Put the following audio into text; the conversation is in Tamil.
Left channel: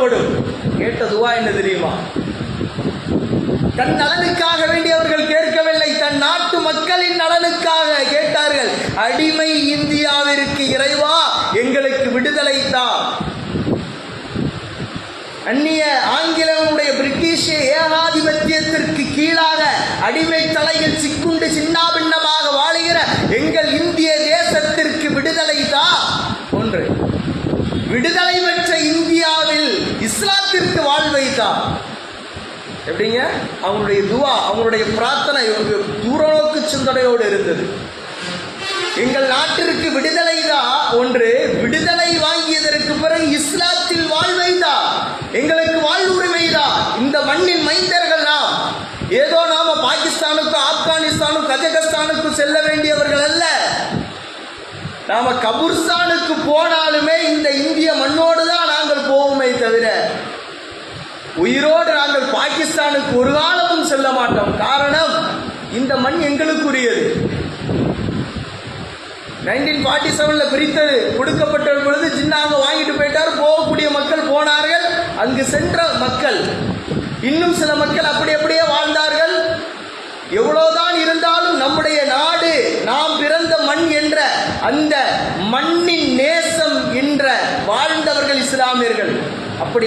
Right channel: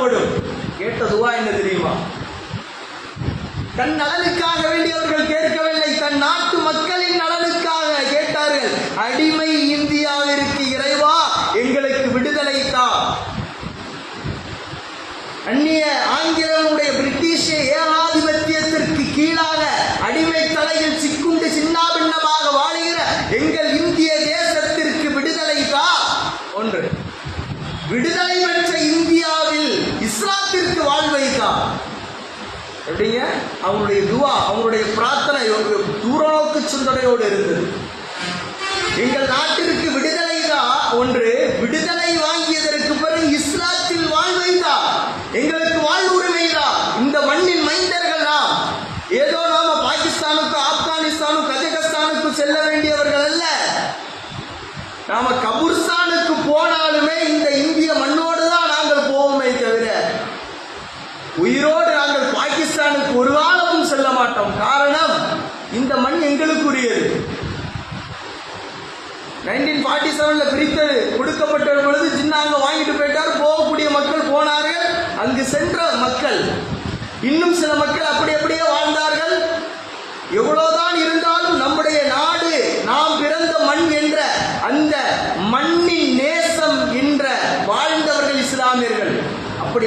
படும் கேட்ட துவா என்ன தெரியுமா? தன் நலனுக்காக வேண்டி அவர்கள் கேட்கவில்லை. தன் நாட்டு மக்களின் நலனுக்காக கேட்டார்கள். அடிமை இந்தியாவிற்கு இறைவா எங்களுக்கு விடுதலை தான் அந்நிய ஆங்கிலமுடைய பிரிட்டிஷ் ஏகாதிபத்தியத்திற்கு கீழாக அடிமை தலையில் சிக்குண்டு சின்னாபின்னமாக வாழுகிற எங்கள் இந்திய தேசத்திற்கு விடுதலை தான் ஒன்று விடுதலை இஸ்லாத்திற்கு வாழ்வை தா எப்படிங்க? அவங்களுடைய துவா அவங்களுடைய பிரார்த்தனை தூரநோக்கு சிந்தனையோடு இருந்தது. எங்கள் நாட்டிற்கு விடுதலை தான் ஒன்று விடுதலை வாங்கியதற்கு பிறகு இஸ்லாத்தில் வாழ்வை தான் எங்களுக்கு வாழ்வுரிமை தான் இந்த மண்ணின் மைந்தர்கள் நாம். ஏதோ நாம பாகிஸ்தானுக்கும் ஆப்கானிஸ்தானுக்கும் கஜகஸ்தானுக்கும் செல்ல வேண்டியவர்கள் அல்ல. நாம கபுர்ஸ்தானுக்கு உயிரோடு நாங்கள் பாகிஸ்தானுக்கு ஒரு காலமும் செல்ல மாட்டோம். காரணம் இந்த மண் எங்களுக்குரியது. நைன்டீன் ஃபார்ட்டி செவன்ல பிரித்தது கொடுக்கப்பட்ட பொழுது ஜின்னாங்க வாங்கிட்டு போயிட்டார். போகக்கூடிய மக்கள் போனார்கள். அங்கு சென்ற மக்கள் இன்னும் சில மக்கள் அப்படி அப்படியே வாழ்ந்தார்கள். எவ்வளவுதான் இருந்தாலும் நம்முடைய நாடு நாம் பிறந்த மண் என்ற அந்த மண்ணின்